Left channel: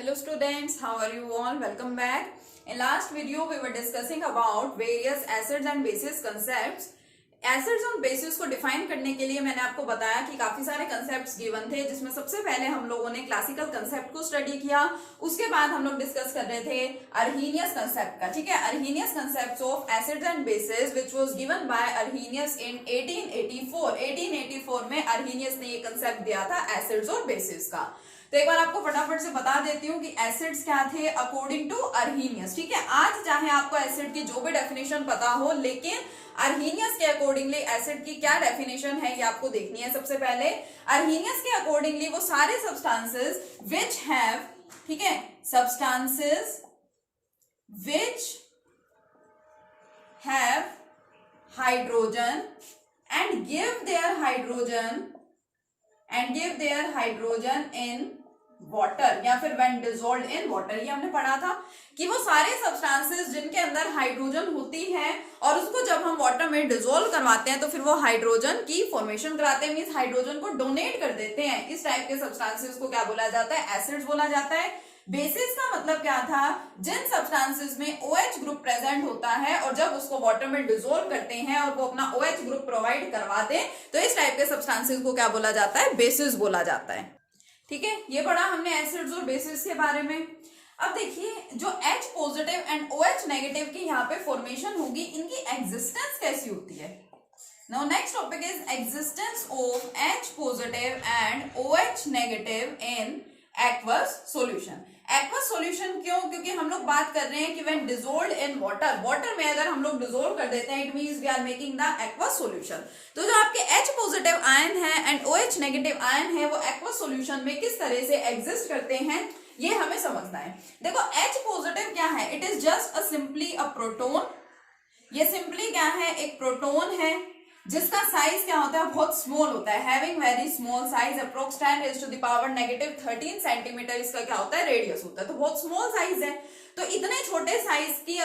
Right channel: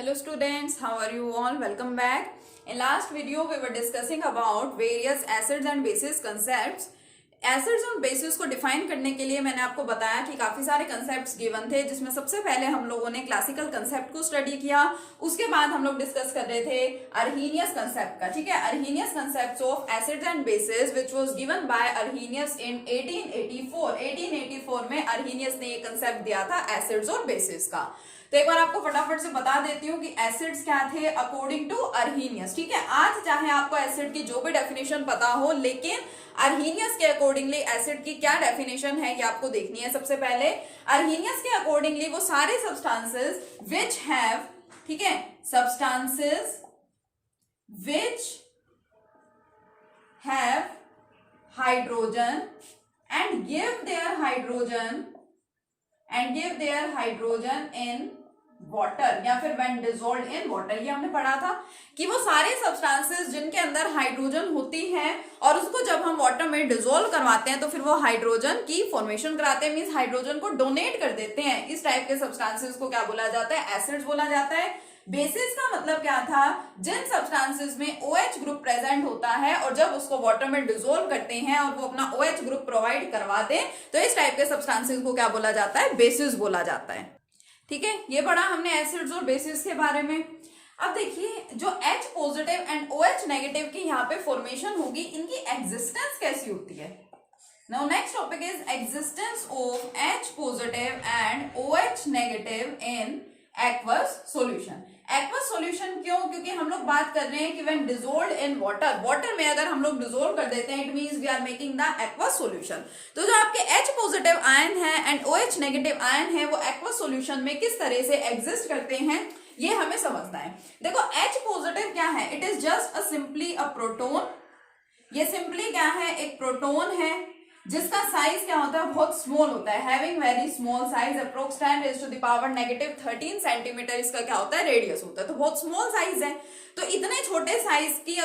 Hello students, how are you all? Welcome back. In last video we were discussing about various acids and bases concepts. Acids और basis को define करने के लिए मैंने आपको बताया कि काफी सारे कंसेप्ट्स गिवन थे, जिसमें सबसे पहले हम लोगों ने क्लासिकल कंसेप्ट को स्टडी किया। उसके बाद हम लोग डिस्कस कर रहे थे अर्हीनियस कंसेप्ट का। ठीक है, Arrhenius concept of acids and bases which was given by Arrhenius in 1884। 1884 में अर्हीनियस ने ये कंसेप्ट दिया था एसिड्स और बेसिस का। तो एक बार आपको फटाफट से बता देती हूँ कि एसिड्स क्या थे अकॉर्डिंग टू अर्हीनियस। ठीक है, आज चाहे आपको एसिड की जो भी डेफिनेशन पता हो, लेकिन अर्हीनियस के अकॉर्डिंगली एसिड की क्या डेफिनेशन है ये आपको देखनी है। सबसे पहले अर्हीनियस के अकॉर्डिंगली वो सारे सब्सटेंसेस विच हैव, ठीक है, substances which have hydrogen and give their hydrogen in water या फिर व्हेन डिसॉल्व्ड इन वाटर। ये हमने पढ़ा था कि वो सारे सब्सटेंसेस जिनके अंदर हाइड्रोजन होती है और उसको जब हम वाटर में डिसॉल्व करवाते हैं तो फिर वो हाइड्रोजन की फॉर्मेशन कराते हैं, मींस हाइड्रोजन को डोनेट कर देते हैं। इस टाइप के सब्सटेंसेस को क्या बोला जाता है? एसिड्स बोला जाता है। बेसिस का मतलब क्या था? जिन सब्सटेंसेस में OH ग्रुप प्रेजेंट होता है और जब उसको वाटर में डिसॉल्व करते हैं और वो अपना OH ग्रुप प्रोवाइड करवाते हैं तो इस टाइप के सब्सटेंसेस को क्या बोला जाता है? बेसिस बोला जाता है। ठीक है, ये पढ़ा हमने एसिड्स और बेसिस के बारे में। अब देखिए जो H positive and OH negative की यहाँ पे फॉर्मेशन होगी, इनकी एग्जिस्टेंस कैसी होती है। Now next topic is existence of H positive and OH negative in aqueous solution. Aqueous solution क्यों? क्योंकि हम लोग बात कर रहे हैं कि when dissolved in water, water में अगर हम लोग डिसॉल्व कर देते हैं it means we are making the aqueous solution. तो जो आपके H पॉजिटिव आयन है एंड OH नेगेटिव आयन है वो एक्वस सॉल्यूशन में किस तरह से एग्जिस्ट करते हैं ये हमें समझना है। देखो H पॉजिटिव क्या है? It is just a simply a proton. ये सिंपली क्या है? एक प्रोटोन है जिसका साइज क्या होता है? बहुत स्मॉल होता है, having very small size, approx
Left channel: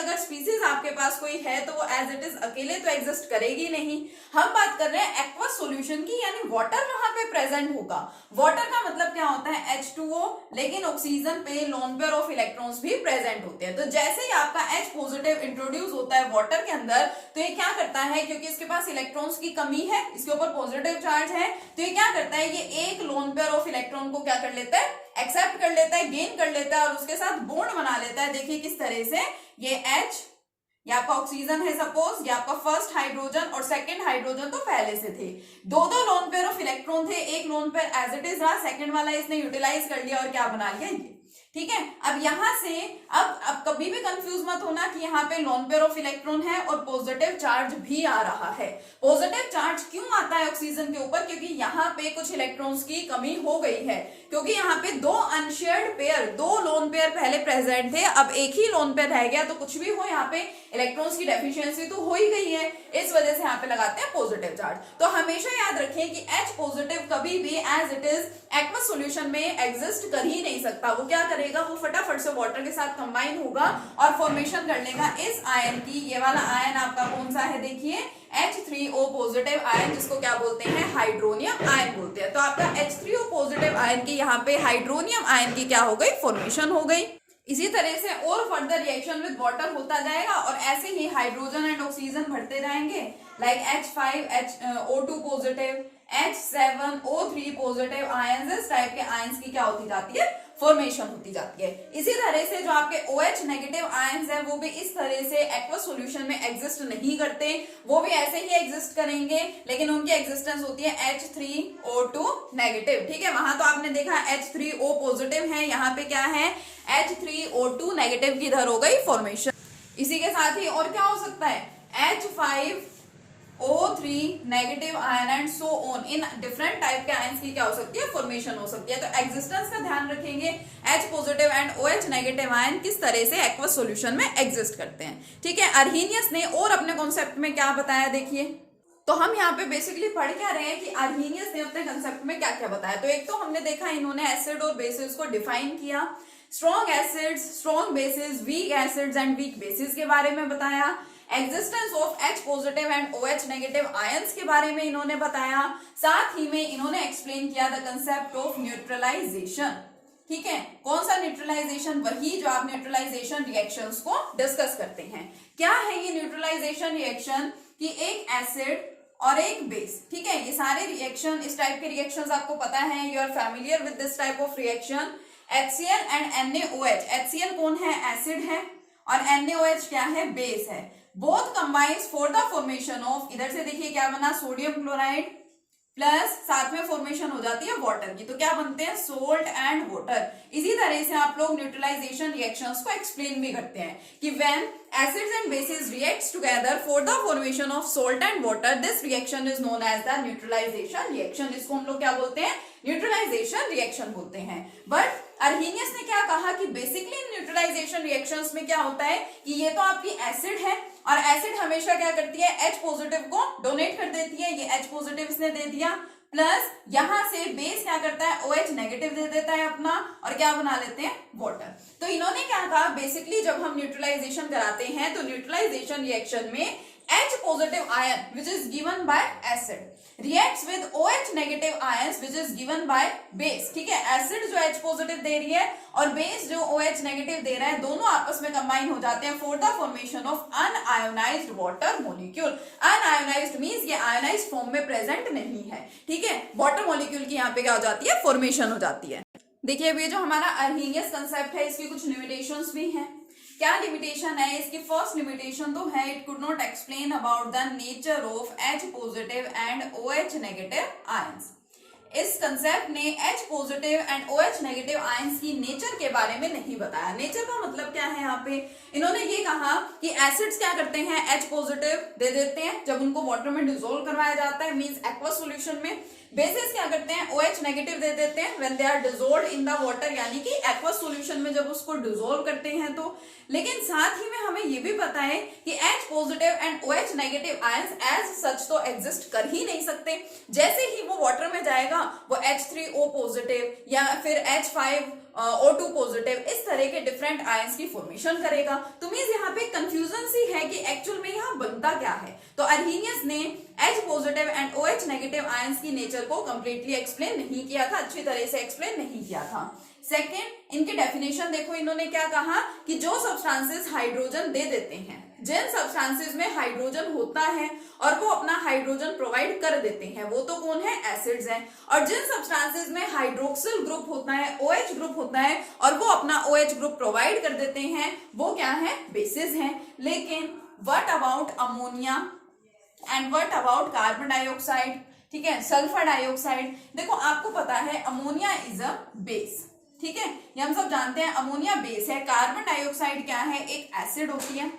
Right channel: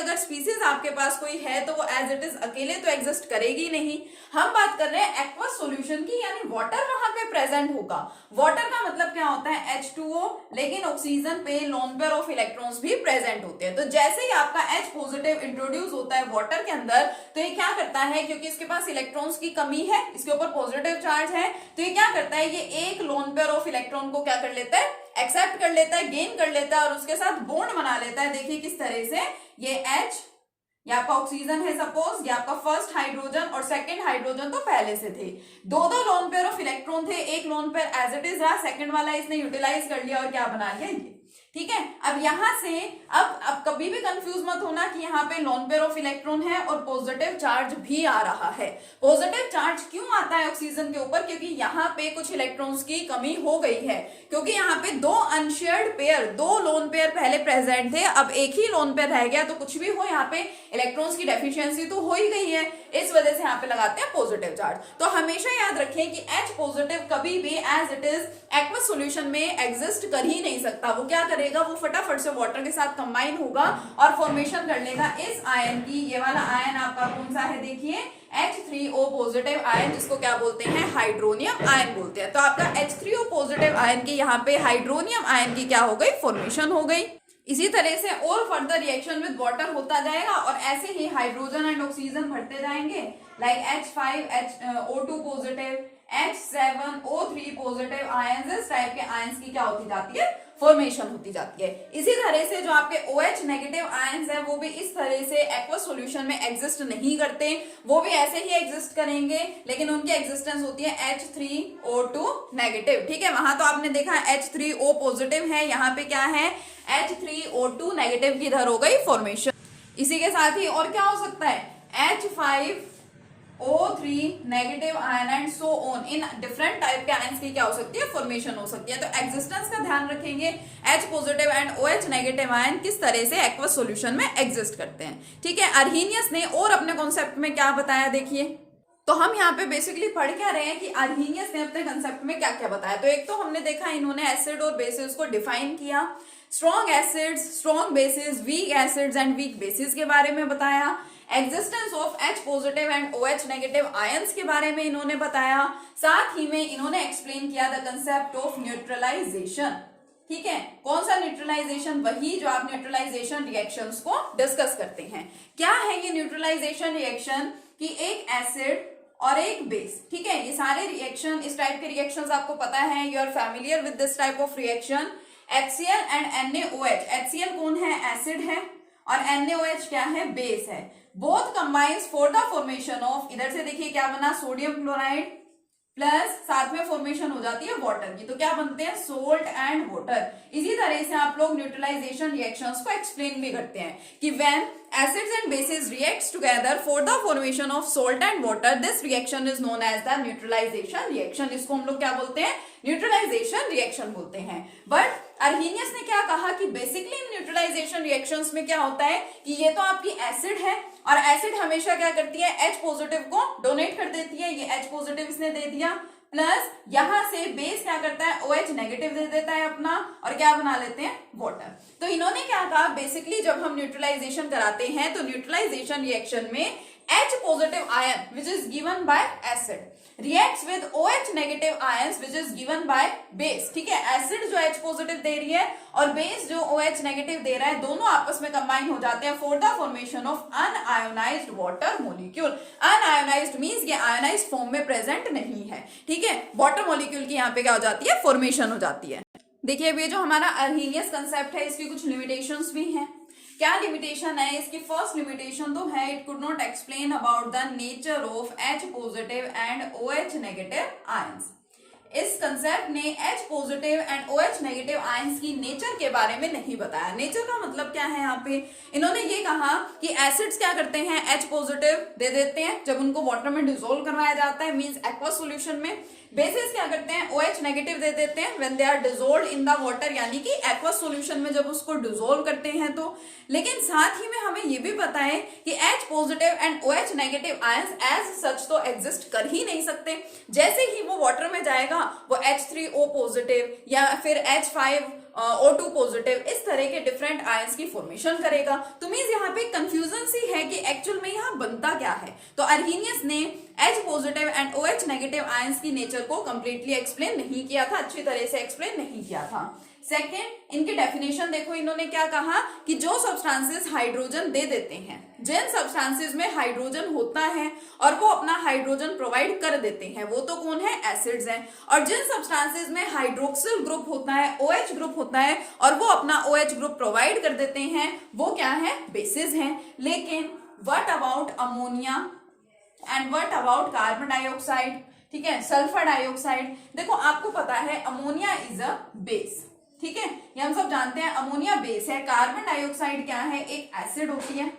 10⁻⁻⁻⁻⁻⁻⁻⁻⁻⁻⁻⁻⁻⁻⁻⁻⁻⁻⁻⁻⁻⁻⁻⁻⁻⁻⁻⁻⁻⁻⁻⁻⁻⁻⁻⁻⁻⁻⁻⁻⁻⁻⁻⁻⁻⁻⁻⁻⁻⁻⁻⁻⁻⁻⁻⁻⁻⁻⁻⁻⁻⁻⁻⁻⁻⁻⁻⁻⁻⁻⁻⁻⁻⁻⁻⁻⁻अगर स्पीसीज आपके पास कोई है तो वो एज इट इज अकेले तो एग्जिस्ट करेगी नहीं। हम बात कर रहे हैं एक्वस सॉल्यूशन की, यानी वाटर वहां पे प्रेजेंट होगा। वाटर का मतलब क्या होता है? H2O, लेकिन ऑक्सीजन पे लोन पेयर ऑफ इलेक्ट्रॉन्स भी प्रेजेंट होते हैं। तो जैसे ही आपका H पॉजिटिव इंट्रोड्यूस होता है वाटर के अंदर तो ये क्या करता है, क्योंकि इसके पास इलेक्ट्रॉन्स की कमी है, इसके ऊपर पॉजिटिव चार्ज है, तो ये क्या करता है, ये एक लोन पेयर ऑफ इलेक्ट्रॉन को क्या कर लेता है? एक्सेप्ट कर लेता है, गेन कर लेता है और उसके साथ बॉन्ड बना लेता है। देखिए किस तरह से, ये H, ये आपका ऑक्सीजन है सपोज, ये आपका फर्स्ट हाइड्रोजन और सेकंड हाइड्रोजन तो पहले से थे। दो लोन पेयर ऑफ इलेक्ट्रॉन थे, एक lone pair as it is रहा, सेकंड वाला इसने यूटिलाइज कर लिया और क्या बना लिया ये। ठीक है, अब यहां से अब कभी भी कंफ्यूज मत होना कि यहाँ पे लोन पेयर ऑफ इलेक्ट्रॉन है और पॉजिटिव चार्ज भी आ रहा है। पॉजिटिव चार्ज क्यों आता है ऑक्सीजन के ऊपर? क्योंकि यहाँ पे कुछ इलेक्ट्रॉन्स की कमी हो गई है, क्योंकि यहाँ पे दो अनशेयर्ड पेयर, दो लोन पेयर पहले प्रेजेंट थे, अब एक ही लोन पेयर रह गया, तो कुछ भी हो यहाँ पे इलेक्ट्रॉन्स की डेफिशिएंसी तो हो ही गई है, इस वजह से यहाँ पे लगाते हैं पॉजिटिव चार्ज। तो हमेशा याद रखें कि H पॉजिटिव कभी भी as it is aqueous solution में एग्जिस्ट कर ही नहीं सकता। वो क्या करेगा, वो फटाफट से वाटर के साथ कंबाइन होगा और फॉर्मेशन कर लेगा इस आयन की। ये वाला आयन आपका कौन सा है? देखिए H3O पॉजिटिव आयन, जिसको क्या बोलते हैं? हाइड्रोनियम आयन बोलते हैं। तो आपका H3O पॉजिटिव आयन की यहाँ पे हाइड्रोनियम आयन की क्या हो गई? फॉर्मेशन हो गई। इसी तरह से और फर्दर रिएक्शन विद वाटर होता जाएगा और ऐसे ही हाइड्रोजन एंड ऑक्सीजन बढ़ते जाएंगे, like H5O2 positive, H7O3 positive ions, इस टाइप के आयंस की क्या होती जाती है? फॉर्मेशन होती जाती है। इसी तरह से जो आपके OH नेगेटिव आयंस है वो भी इस तरह से एक्वस सॉल्यूशन में एग्जिस्ट नहीं करते, वो भी ऐसे ही एग्जिस्ट करेंगे, लेकिन उनकी एग्जिस्टेंस होती है H3O2 नेगेटिव। ठीक है, वहां तो आपने देखा H3O पॉजिटिव है, यहाँ पे क्या है? H3O2 नेगेटिव की इधर हो गई फॉर्मेशन। इसी के साथ ही और क्या हो सकता है? H5O3 negative ion and so on, in different type के आयंस की क्या हो सकती है? फॉर्मेशन हो सकती है। तो एग्जिस्टेंस का ध्यान रखेंगे, H positive and OH negative ion किस तरह से एक्वस सॉल्यूशन में एग्जिस्ट करते हैं। ठीक है, अर्हीनियस ने और अपने कॉन्सेप्ट में क्या बताया देखिए। तो हम यहाँ पे बेसिकली पढ़ क्या रहे हैं कि अर्हीनियस ने अपने कंसेप्ट में क्या क्या बताया। तो एक तो हमने देखा इन्होंने एसिड और बेसिस को डिफाइन किया, strong acids, strong bases, weak acids and weak bases के बारे में बताया, existence of H positive and OH negative ions के बारे में इन्होंने बताया, साथ ही में इन्होंने एक्सप्लेन किया द कंसेप्ट ऑफ न्यूट्रलाइजेशन। ठीक है, कौन सा न्यूट्रलाइजेशन? वही जो आप न्यूट्रलाइजेशन रिएक्शंस को डिस्कस करते हैं। क्या है ये न्यूट्रलाइजेशन रिएक्शन? कि एक एसिड और एक बेस, ठीक है, ये सारे रिएक्शन, इस टाइप के रिएक्शंस आपको पता है, you are familiar with this type of reaction. HCl and NaOH, HCl कौन है? एसिड है, और NaOH क्या है? बेस है। Both combines for the formation of, इधर से देखिए क्या बना, सोडियम क्लोराइड प्लस साथ में फॉर्मेशन हो जाती है वाटर की, तो क्या बनते हैं? Salt and water. इसी तरह से आप लोग न्यूट्रलाइजेशन रिएक्शंस को एक्सप्लेन भी करते हैं कि when acids and bases reacts together for the formation of salt and water, this reaction is known as the neutralization reaction। इसको हम लोग क्या बोलते हैं? न्यूट्रलाइजेशन रिएक्शन बोलते हैं। बट अर्हीनियस ने क्या कहा कि बेसिकली न्यूट्रलाइजेशन रिएक्शंस में क्या होता है कि ये तो आपकी एसिड है, और एसिड हमेशा क्या करती है? H पॉजिटिव को डोनेट कर देती है, ये H पॉजिटिव इसने दे दिया, प्लस यहां से बेस क्या करता है? OH नेगेटिव दे देता है अपना, और क्या बना लेते हैं? वाटर। तो इन्होंने क्या कहा, बेसिकली जब हम न्यूट्रलाइजेशन कराते हैं तो न्यूट्रलाइजेशन रिएक्शन में H positive ion which is given by acid reacts with OH negative ions which is given by base, ठीक है, एसिड जो H पॉजिटिव दे रही है और बेस जो OH नेगेटिव दे रहा है, दोनों आपस में कंबाइन हो जाते हैं for the formation of unionised water molecule. Unionised means ये आयोनाइज्ड फॉर्म में प्रेजेंट नहीं है, ठीक है, वाटर मॉलिक्यूल की यहाँ पे क्या हो जाती है? फॉर्मेशन हो जाती है। देखिए अब ये जो हमारा अर्हीनियस कंसेप्ट है, इसकी कुछ लिमिटेशंस भी हैं। क्या लिमिटेशन है इसकी? फर्स्ट लिमिटेशन तो है, it could not explain about the nature of H positive and OH negative ions. इस कंसेप्ट ने H positive and OH negative ions की नेचर के बारे में नहीं बताया। नेचर का मतलब क्या है? यहाँ पे इन्होंने ये कहा कि एसिड्स क्या करते हैं? H पॉजिटिव दे देते हैं जब उनको वाटर में डिसोल्व करवाया जाता है, मींस एक्वस सॉल्यूशन में। बेसिस क्या करते हैं? OH नेगेटिव दे देते हैं when they are dissolved in the water, यानी कि एक्वस सॉल्यूशन में जब उसको डिसोल्व करते हैं तो। लेकिन साथ ही में हमें ये भी पता है कि H positive and OH negative ions as such तो एग्जिस्ट कर ही नहीं सकते। जैसे ही वो वाटर में जाएगा वो H3O पॉजिटिव या फिर H5O2 पॉजिटिव, इस तरह के डिफरेंट आयंस की फॉर्मेशन करेगा। तो मींस यहाँ पे कंफ्यूजन सी है कि एक्चुअल में यहाँ बनता क्या है। तो अर्हीनियस ने H positive and OH negative ions की नेचर को कंप्लीटली एक्सप्लेन नहीं किया था, अच्छी तरह से एक्सप्लेन नहीं किया था। सेकेंड, इनकी डेफिनेशन देखो, इन्होंने क्या कहा कि जो सब्सटेंसेस हाइड्रोजन दे देते हैं, जिन सब्सटेंसेस में हाइड्रोजन होता है और वो अपना हाइड्रोजन प्रोवाइड कर देते हैं, वो तो कौन है? एसिड्स हैं। और जिन सब्सटेंसेस में हाइड्रोक्सिल ग्रुप होता है, OH ग्रुप होता है और वो अपना OH ग्रुप प्रोवाइड कर देते हैं, वो क्या है? बेसिस हैं। लेकिन what about ammonia and what about carbon dioxide, ठीक है, सल्फर डाइऑक्साइड। देखो आपको पता है अमोनिया इज अ बेस, ठीक है, ये हम सब जानते हैं, अमोनिया बेस है। कार्बन डाइऑक्साइड क्या है? एक एसिड होती है।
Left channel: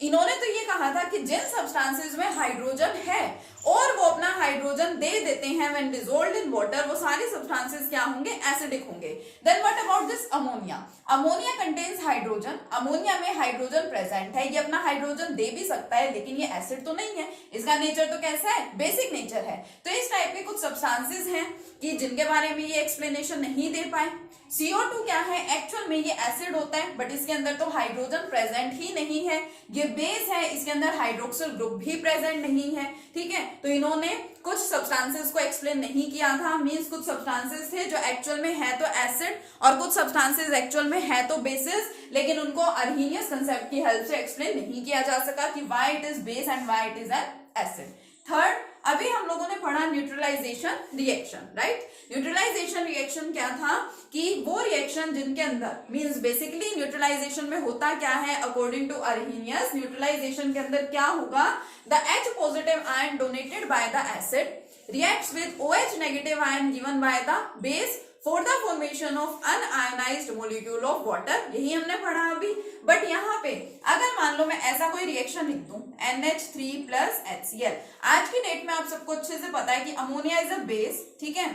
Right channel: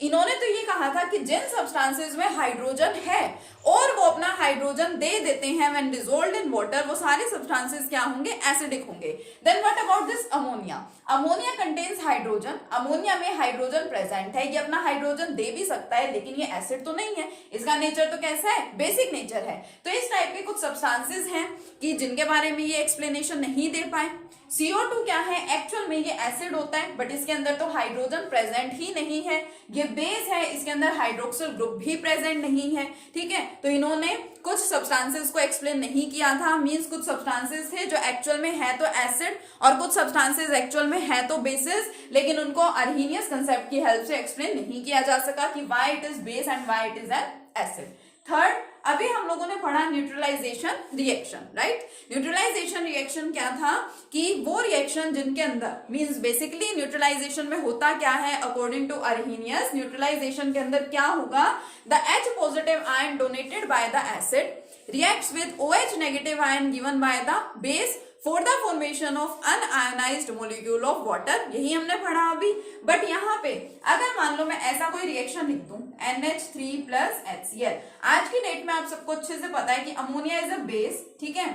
इन्होंने तो ये कहा था कि जिन सब्सटेंसेस में हाइड्रोजन है और वो अपना हाइड्रोजन दे देते हैं व्हेन डिसॉल्व्ड इन वाटर, वो सारे सब्सटेंसेस क्या होंगे? एसिडिक होंगे। Then what about this ammonia? Ammonia contains hydrogen, ammonia में हाइड्रोजन प्रेजेंट है, ये अपना हाइड्रोजन दे भी सकता है, लेकिन ये एसिड तो नहीं है, इसका नेचर तो कैसा है? बेसिक नेचर है। तो इस टाइप के कुछ सब्सटेंसेस हैं कि जिनके बारे में ये एक्सप्लेनेशन नहीं दे पाए। CO2 क्या है? एक्चुअल में ये एसिड होता है, बट इसके अंदर तो हाइड्रोजन प्रेजेंट ही नहीं है। ये बेस है, इसके अंदर हाइड्रोक्सिल ग्रुप भी प्रेजेंट नहीं है, ठीक है। तो इन्होंने कुछ सब्सटेंसेस को एक्सप्लेन नहीं किया था, मींस कुछ सब्सटेंसेस थे जो एक्चुअल में है तो एसिड और कुछ सब्सटेंसेस एक्चुअल में है तो बेसिस, लेकिन उनको अर्हीनियस कंसेप्ट की हेल्प से एक्सप्लेन नहीं किया जा सका कि why it is base and why it is an acid. Third, अभी हम लोगों ने पढ़ा neutralisation reaction, right. Neutralisation reaction क्या था कि वो रिएक्शन जिनके अंदर, मींस बेसिकली न्यूट्रलाइजेशन में होता क्या है अकॉर्डिंग टू अर्हीनियस, न्यूट्रलाइजेशन के अंदर क्या होगा? The H positive ion donated by the acid reacts with OH negative ion given by the base for the formation of unionised molecule of water. यही हमने पढ़ा अभी। बट यहाँ पे अगर मान लो मैं ऐसा कोई रिएक्शन लिख दूं NH3 प्लस HCl, आज की डेट में आप सबको अच्छे से पता है कि अमोनिया इज अ बेस, ठीक है,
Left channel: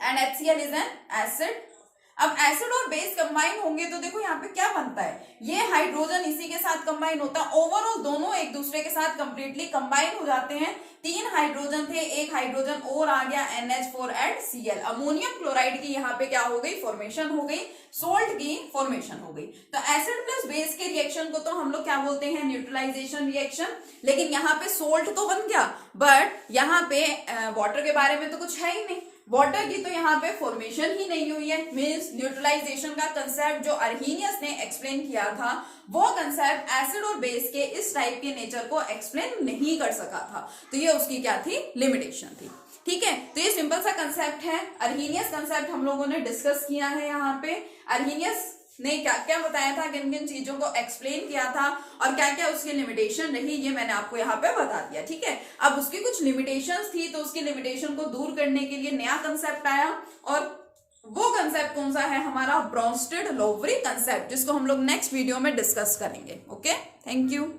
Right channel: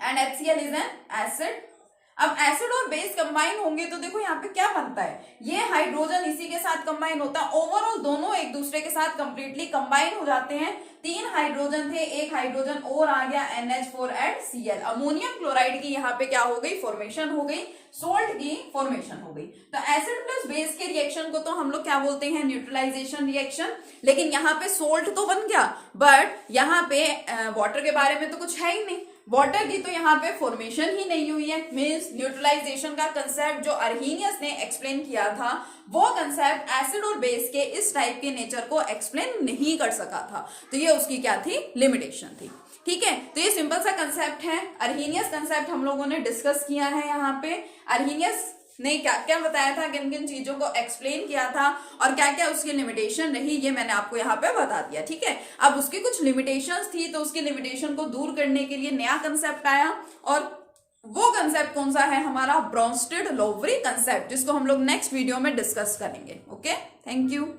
and HCl is an acid. अब एसिड और बेस कंबाइन होंगे तो देखो यहाँ पे क्या बनता है, ये हाइड्रोजन इसी के साथ कंबाइन होता है, ओवरऑल दोनों एक दूसरे के साथ कंप्लीटली कंबाइन हो जाते हैं। 3 हाइड्रोजन थे, एक हाइड्रोजन और आ गया NH4 and Cl। Ammonium chloride की यहाँ पे क्या हो गई? फॉर्मेशन हो गई, सोल्ट की फॉर्मेशन हो गई। तो एसिड प्लस बेस के रिएक्शन को तो हम लोग क्या बोलते हैं? Neutralisation reaction. लेकिन यहाँ पे सोल्ट तो बन गया, बट यहाँ पे वाटर के बारे में तो कुछ है ही नहीं। वाटर की तो यहाँ पे फॉर्मेशन ही नहीं हुई है, मीन्स न्यूट्रलाइजेशन का कंसेप्ट जो अर्हीनियस ने एक्सप्लेन किया था वो कंसेप्ट एसिड और बेस के इस टाइप के नेचर को एक्सप्लेन नहीं कर सका था, तो ये उसकी क्या थी, लिमिटेशन थी। ठीक है, तो ये सिंपल सा कंसेप्ट है। अर्हीनियस कंसेप्ट हम लोगों ने डिस्कस किया है। यहाँ पे अर्हीनियस ने क्या क्या बताया था, किन किन चीजों को एक्सप्लेन किया था और क्या क्या उसकी लिमिटेशन रही, ये मैंने आपको यहाँ पे बता दिया। ठीक है, अब उसकी कुछ लिमिटेशंस थी तो उसकी लिमिटेशन को दूर करने के लिए नया कंसेप्ट आया, और वो कंसेप्ट कौन सा है, हमारा ब्रोंस्टेड लोवरी कंसेप्ट, जिसको हम लोग नेक्स्ट वीडियो में डिस्कस करेंगे। Okay, thank you.